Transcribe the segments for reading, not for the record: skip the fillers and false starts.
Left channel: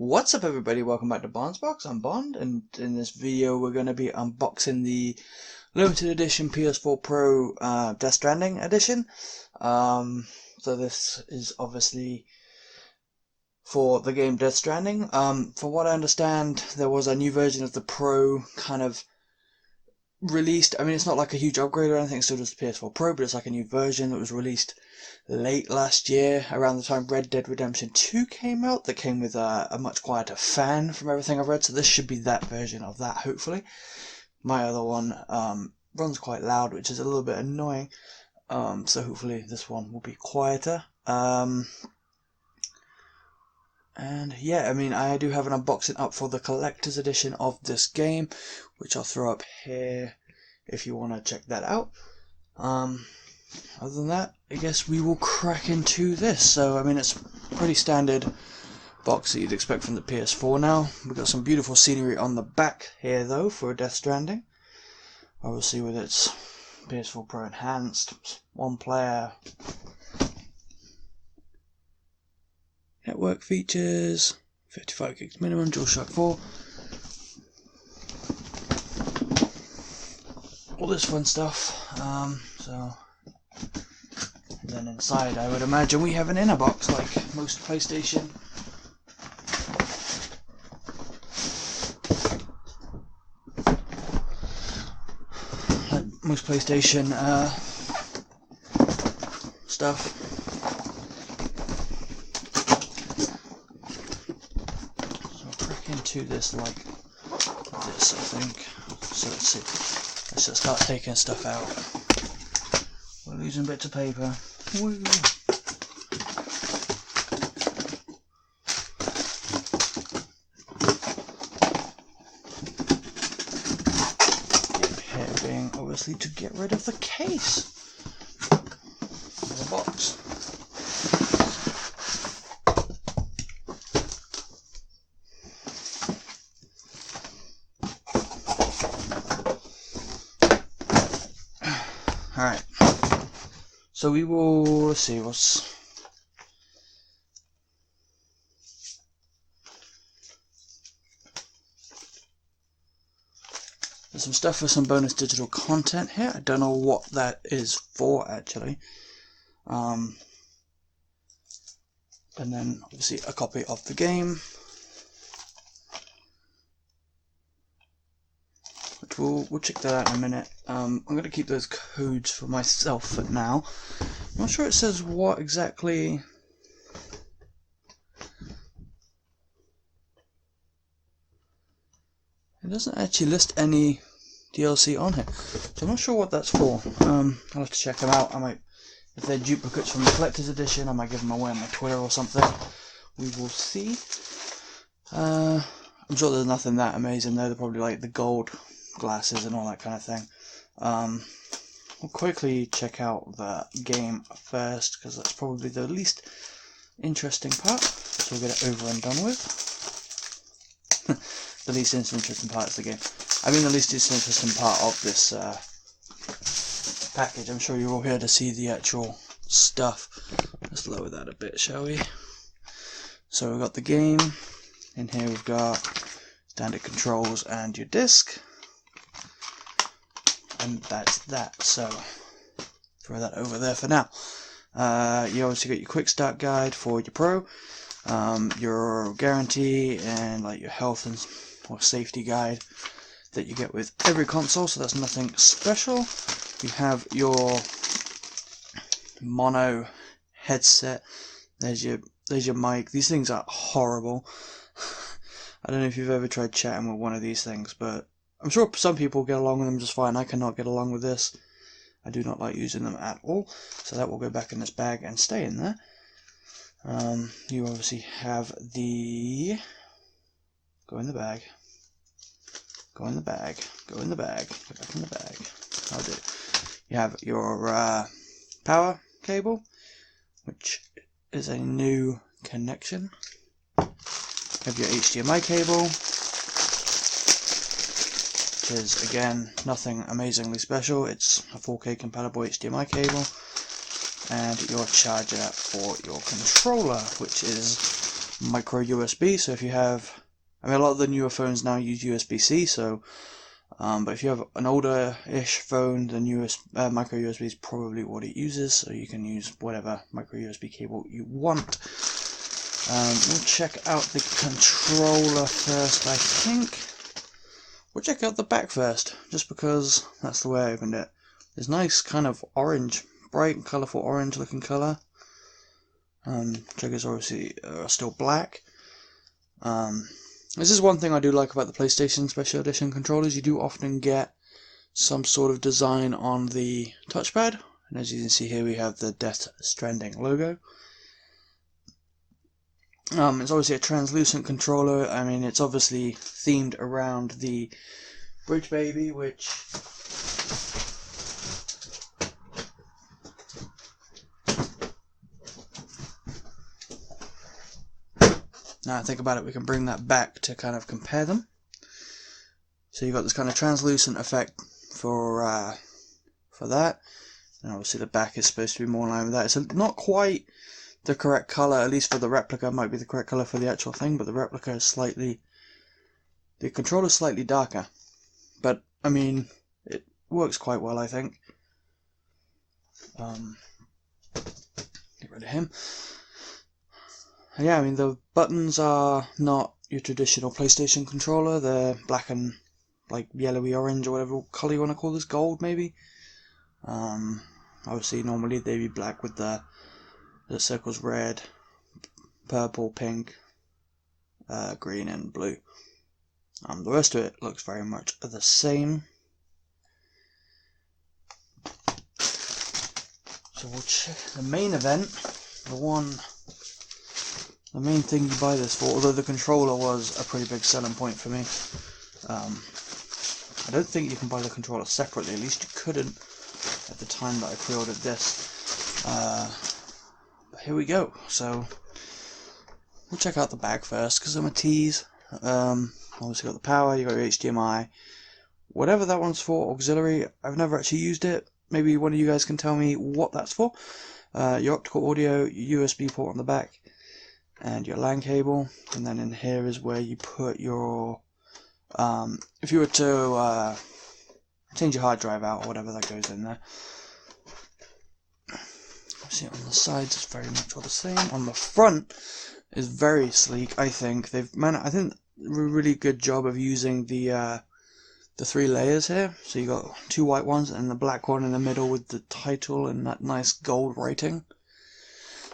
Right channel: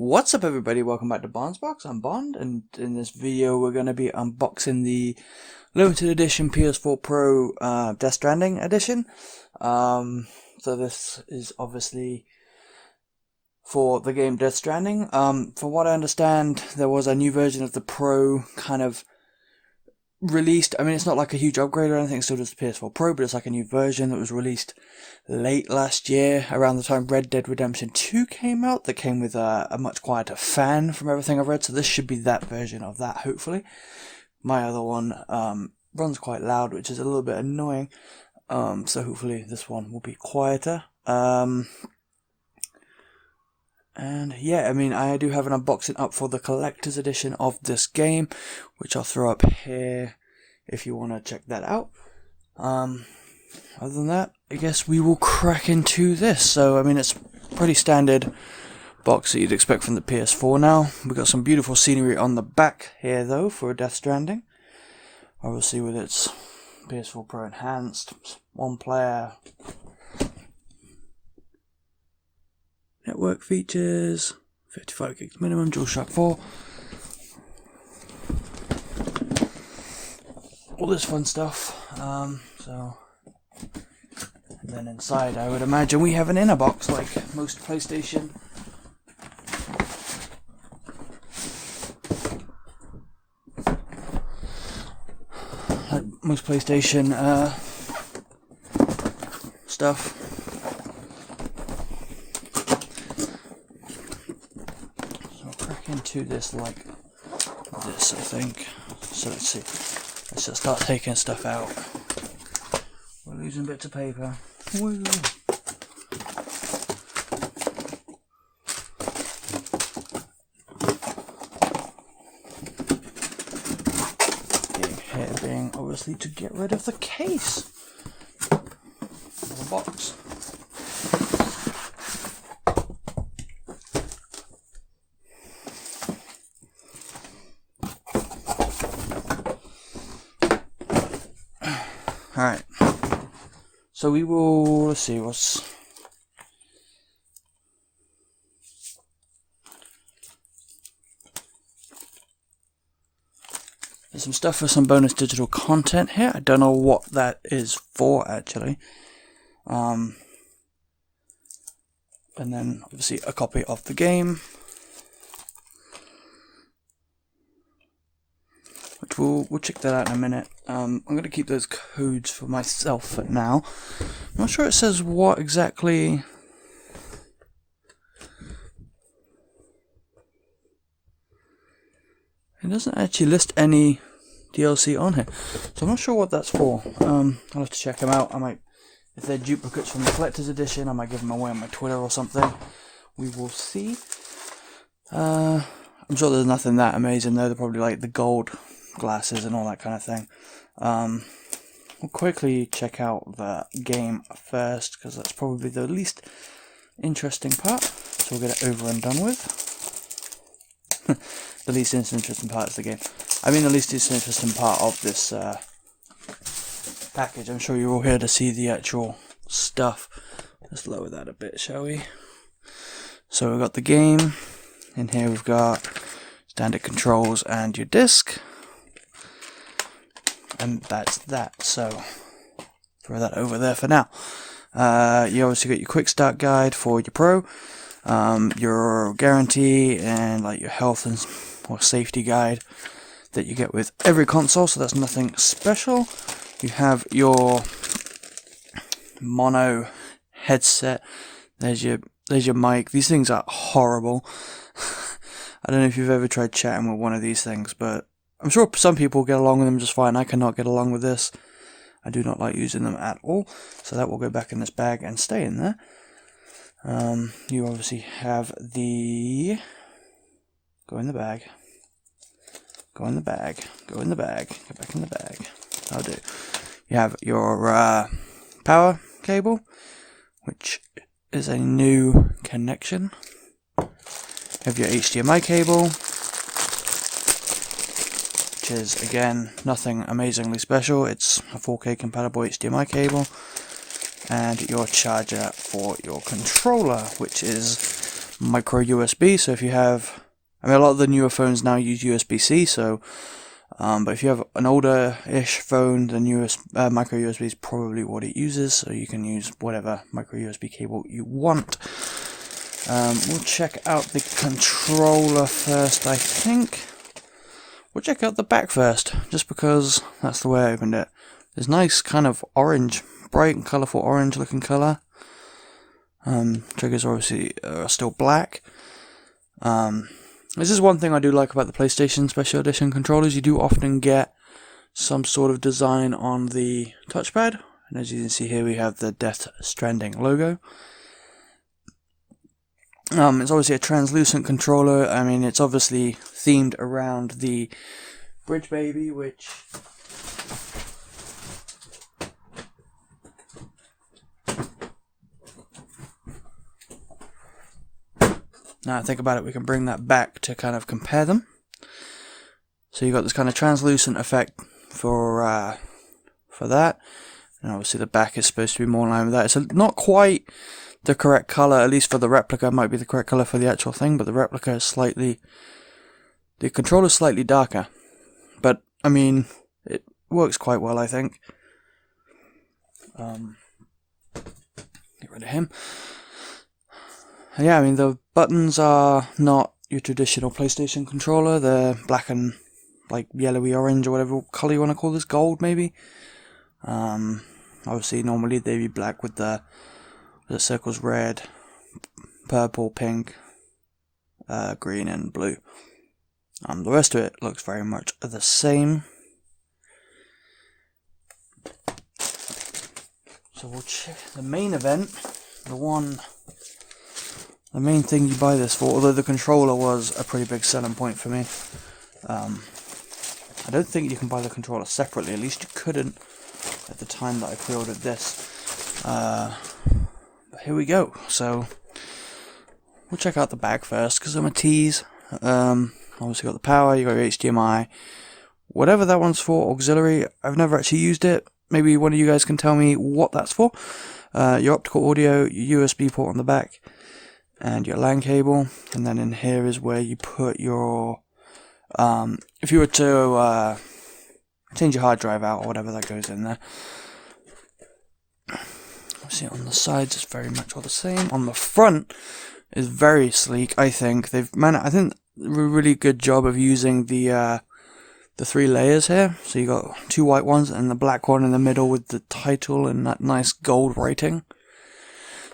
What's up everybody, welcome back to Bond's Box. I'm Bond, and in this video we're going to be unboxing the limited edition PS4 Pro Death Stranding edition. So this is obviously for the game Death Stranding. From what I understand, there was a new version of the Pro kind of released. I mean, it's not like a huge upgrade or anything, it's still just the PS4 Pro, but it's like a new version that was released late last year, around the time Red Dead Redemption 2 came out, that came with a much quieter fan from everything I've read, so this should be that version of that, hopefully. My other one runs quite loud, which is a little bit annoying, so hopefully this one will be quieter. And yeah, I mean, I do have an unboxing up for the collector's edition of this game, which I'll throw up here if you want to check that out. Other than that, I guess we will crack into this. So, I mean, it's pretty standard box that you'd expect from the PS4 now. We've got some beautiful scenery on the back here, though, for Death Stranding. Obviously, with its PS4 Pro Enhanced, one player, network features, 55 gigs minimum, DualShock 4, all this fun stuff. And then inside, I would imagine we have an inner box like most PlayStation. Stuff. Into this like this, I think. So let's see. Let's just start taking stuff out. We're losing bits of paper. Woo. Here being obviously to get rid of the case of the box. Alright, so we will, let's see, there's some stuff for some bonus digital content here. I don't know what that is for, actually. And then, obviously, a copy of the game. We'll check that out in a minute. I'm going to keep those codes for myself for now. I'm not sure it says what exactly. It doesn't actually list any DLC on here, so I'm not sure what that's for. I'll have to check them out. I might, if they're duplicates from the collector's edition, I might give them away on my Twitter or something. We will see. I'm sure there's nothing that amazing though. They're probably like the gold glasses and all that kind of thing. We'll quickly check out the game first, because that's probably the least interesting part, so we'll get it over and done with. The least interesting part is the game. I mean the least interesting part of this package. I'm sure you're all here to see the actual stuff. Let's lower that a bit, shall we? So we've got the game. In here we've got standard controls and your disc. And that's that, so throw that over there for now. You obviously got your quick start guide for your Pro, your guarantee, and like your health and or safety guide that you get with every console, so that's nothing special. You have your mono headset. There's your mic. These things are horrible. I don't know if you've ever tried chatting with one of these things, but I'm sure some people get along with them just fine. I cannot get along with this. I do not like using them at all. So that will go back in this bag and stay in there. You obviously have the... Go in the bag. Go in the bag. Go in the bag. Get back in the bag. I'll do. You have your power cable, which is a new connection. You have your HDMI cable, is again nothing amazingly special. It's a 4K compatible HDMI cable, and your charger for your controller, which is micro USB. So if you have, I mean, a lot of the newer phones now use USB-C, so but if you have an older-ish phone, then micro USB is probably what it uses, so you can use whatever micro USB cable you want. We'll check out the controller first, I think. We'll check out the back first, just because that's the way I opened it. There's nice kind of orange, bright and colourful orange looking colour. Triggers are obviously still black. This is one thing I do like about the PlayStation Special Edition controllers. You do often get some sort of design on the touchpad. And as you can see here, we have the Death Stranding logo. It's obviously a translucent controller. I mean, it's obviously themed around the Bridge Baby, which... Now I think about it, we can bring that back to kind of compare them. So you've got this kind of translucent effect for that, and obviously the back is supposed to be more in line with that. It's not quite the correct color, at least for the replica. It might be the correct color for the actual thing, but the replica is slightly, the controller's slightly darker. But I mean, it works quite well, I think. Get rid of him. Yeah, I mean, the buttons are not your traditional PlayStation controller. They're black and like yellowy orange or whatever colour you want to call this, gold maybe. Obviously, normally they'd be black with the circles red, purple, pink, green and blue. The rest of it looks very much the same. So we'll check the main event, the main thing you buy this for, although the controller was a pretty big selling point for me. I don't think you can buy the controller separately, at least you couldn't at the time that I pre-ordered this. But here we go. So we'll check out the back first, because I'm a tease. Obviously got the power, you got your HDMI, whatever that one's for, auxiliary. I've never actually used it. Maybe one of you guys can tell me what that's for. Your optical audio, your USB port on the back, and your LAN cable, and then in here is where you put your, if you were to change your hard drive out or whatever, that goes in there. See, on the sides it's very much all the same. On the front is very sleek. I think they've I think a really good job of using the 3 layers here. So you got 2 white ones and the black one in the middle with the title and that nice gold writing.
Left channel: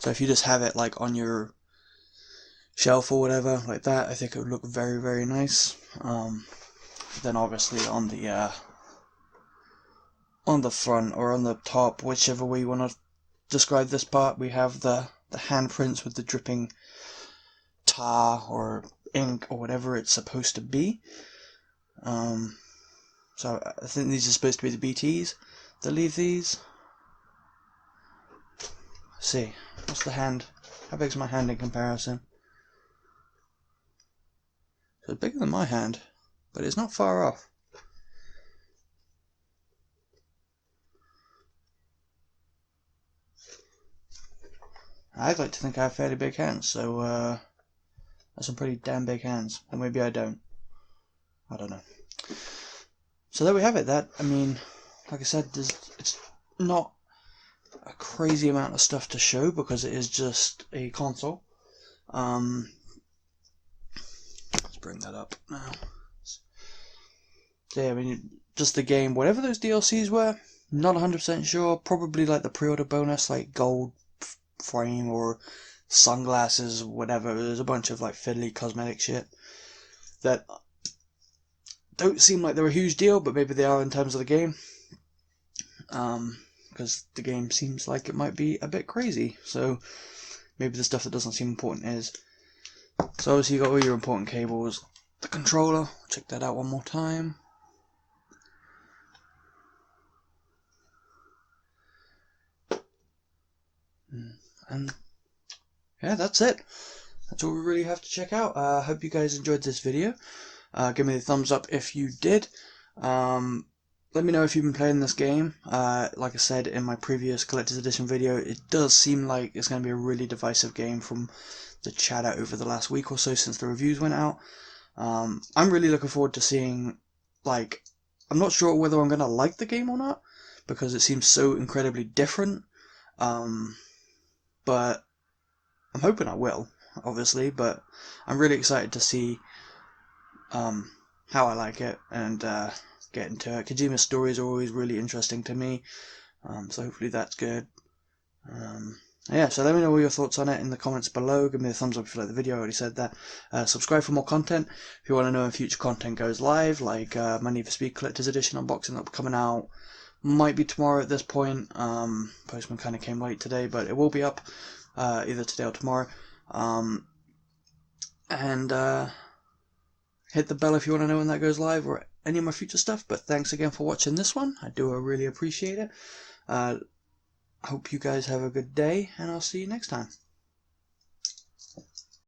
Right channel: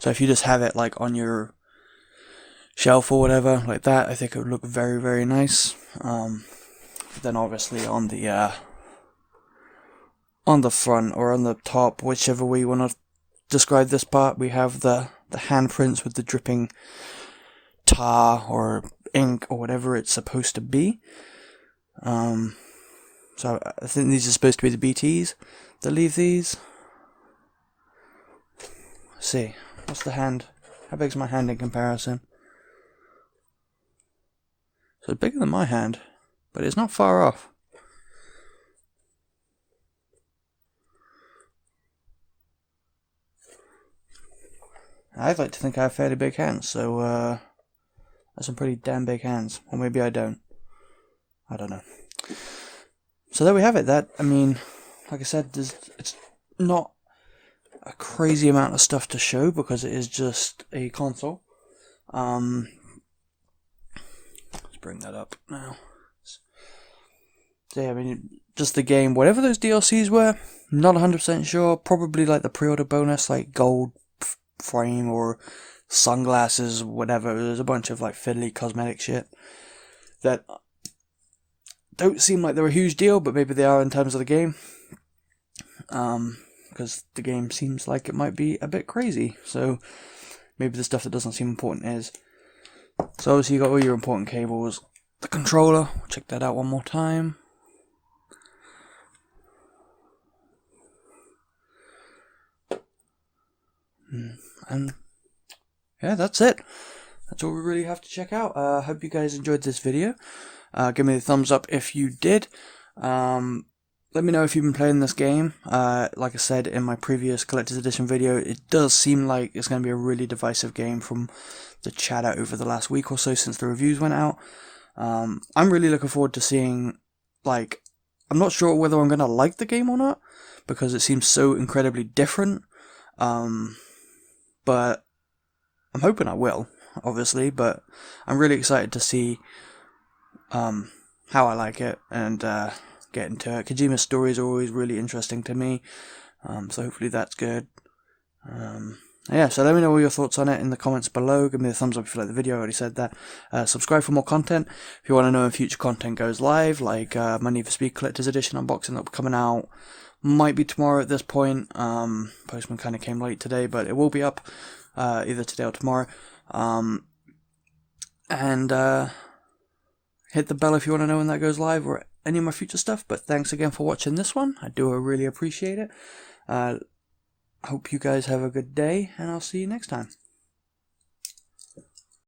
So if you just have it like on your shelf or whatever like that, I think it would look very, very nice. Then obviously on the front or on the top, whichever way you want to describe this part, we have the handprints with the dripping tar or ink or whatever it's supposed to be. So I think these are supposed to be the BTs that leave these. Let's see, what's the hand? How big's my hand in comparison? So it's bigger than my hand, but it's not far off. I'd like to think I have fairly big hands, so that's some pretty damn big hands. Or maybe I don't. I don't know. So there we have it. That, I mean, like I said, it's not a crazy amount of stuff to show because it is just a console. Let's bring that up now. So yeah, I mean, just the game, whatever those DLCs were, not 100% sure. Probably like the pre-order bonus, like gold frame or sunglasses, whatever. There's a bunch of like fiddly cosmetic shit that don't seem like they're a huge deal, but maybe they are in terms of the game. Because the game seems like it might be a bit crazy. So maybe the stuff that doesn't seem important is. So obviously you got all your important cables. The controller, check that out one more time. And yeah, that's it. That's all we really have to check out. I hope you guys enjoyed this video. Give me the thumbs up if you did. Let me know if you've been playing this game. Like I said in my previous Collector's Edition video, it does seem like it's going to be a really divisive game from chatter over the last week or so since the reviews went out. I'm really looking forward to seeing, like, I'm not sure whether I'm going to like the game or not, because it seems so incredibly different, but I'm hoping I will, obviously, but I'm really excited to see how I like it and get into it. Kojima's stories are always really interesting to me, so hopefully that's good. Yeah, so let me know all your thoughts on it in the comments below. Give me a thumbs up if you like the video. I already said that. Subscribe for more content. If you want to know when future content goes live, like my Need for Speed Collector's Edition unboxing that'll be coming out, might be tomorrow at this point. Postman kind of came late today, but it will be up either today or tomorrow. And hit the bell if you want to know when that goes live or any of my future stuff. But thanks again for watching this one. I do really appreciate it. Hope you guys have a good day, and I'll see you next time.